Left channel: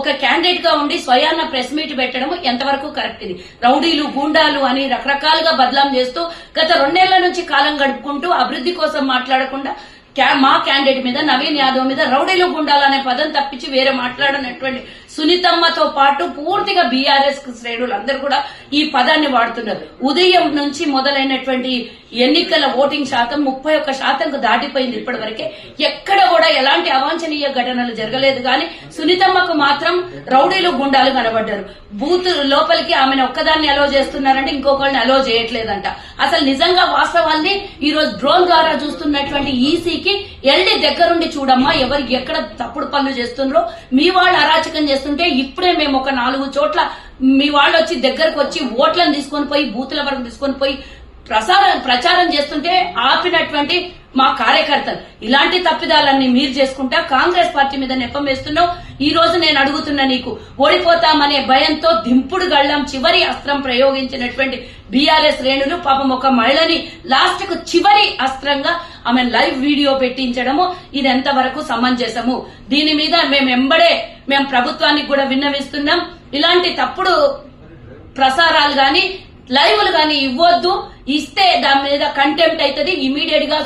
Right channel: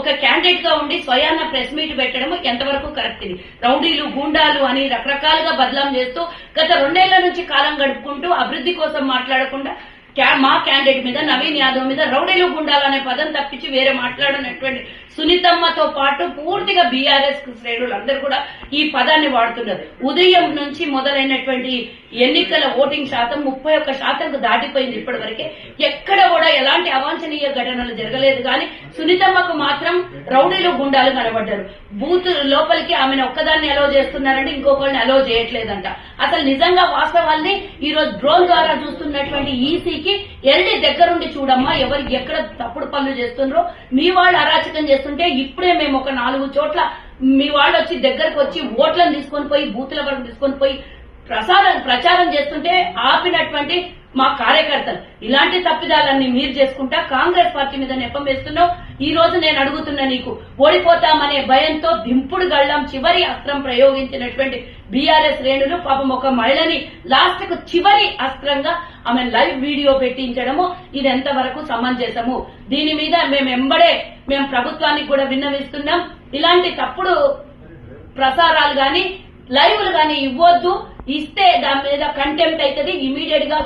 ఒక క్యాండిడేట్ గా ఉండి స్వయాన ప్రెస్ మీట్ పెట్టడం ఎంతవరకు కరెక్ట్? ఇది రౌడీలు గూండాలు అని రకరకాలుగా బదలాం చేస్తూ గత 2 ఏళ్ల నుంచి కాలం గడుపుకుంటూ అభివృద్ధి కోసం మాట్లాడకుండా మా క్యాండిడేట్ మీద నవీన్ యాదవ్ మీద రౌడీలు గుండాలనే పదం తప్పించి వేరే మాట్లాడనటువంటి సునీతమ్మతో పాటు పూర్తిగా బీఆర్ఎస్ శ్రేణులు అందరూ కూడా ఈ పదాన్ని వాడుతున్నారు. ఉదయం నుంచి మొదలైనటువంటి ఎన్నికల ఓటింగ్ శాతం 31% దాటిపోయింది. ఇప్పటివరకే ఎక్కడ కూడా ఎలాంటి అవాంఛనీయ ఘటనలు జరగలేదు. కానీ సునీతమ్మకు మాత్రం రౌడీలు గుండాలు కనబడ్డారు. బూత్ లోపలికి ఆమెను ఒక్కదాన్ని అలో చేస్తున్నారంటే ఇంకొకరిని అలో చేయట్లేదంట. అసలు నిజంగా వాస్తవాల్ని ఈ రోజు డ్రోన్ ద్వారా చూస్తున్నటువంటి ఈసీకి ఎల్డీ దగ్గరుండి చూడమ్మా, ఎవరు ఎక్కడ తప్పుడు పనులు చేస్తున్నారో. మీ వాళ్ళు అరాచకం చేస్తుంటే ఇప్పుడే మేము ఒక 4 చోట్ల మీ వాళ్ళు వచ్చి దగ్గరకు వచ్చి ఓట్లను తీసుకొని పోయి బూతుల వరకు తీసుకొని పోయి ప్రచారం చేస్తుంటే ఆపినటువంటి మా కార్యకర్తలు. ఇలాంటి తప్పిదాలన్నీ మీరు చేసుకుంటా కాంగ్రెస్ పార్టీ మీద నెపం వేస్తున్నావు. ఈ రోజు నేను అడుగుతున్నా, నీకు ఓడిపోతామనే భయంతో దింపుడు గళ్ళం చివరి అస్త్రం ప్రయోగించినటువంటి బీఆర్ఎస్ శ్రేణులు పాపం ఒక మహిళని లాస్ట్ కు చివరి అస్త్రంగా ఆమె లైవ్ వీడియో పెట్టించడము ఇది ఎంతవరకు సమంజసము? దీని మీద మేము ప్రభుత్వానికి కూడా విన్నవిస్తున్నాం. ఇలాంటి తప్పుడు ప్రసారాలు గాని లైవ్లు గాని ఇవ్వద్దు. ఇస్తే దాని మీద కంటెంప్ట్ అవుతుంది. ఇమీడియట్ గా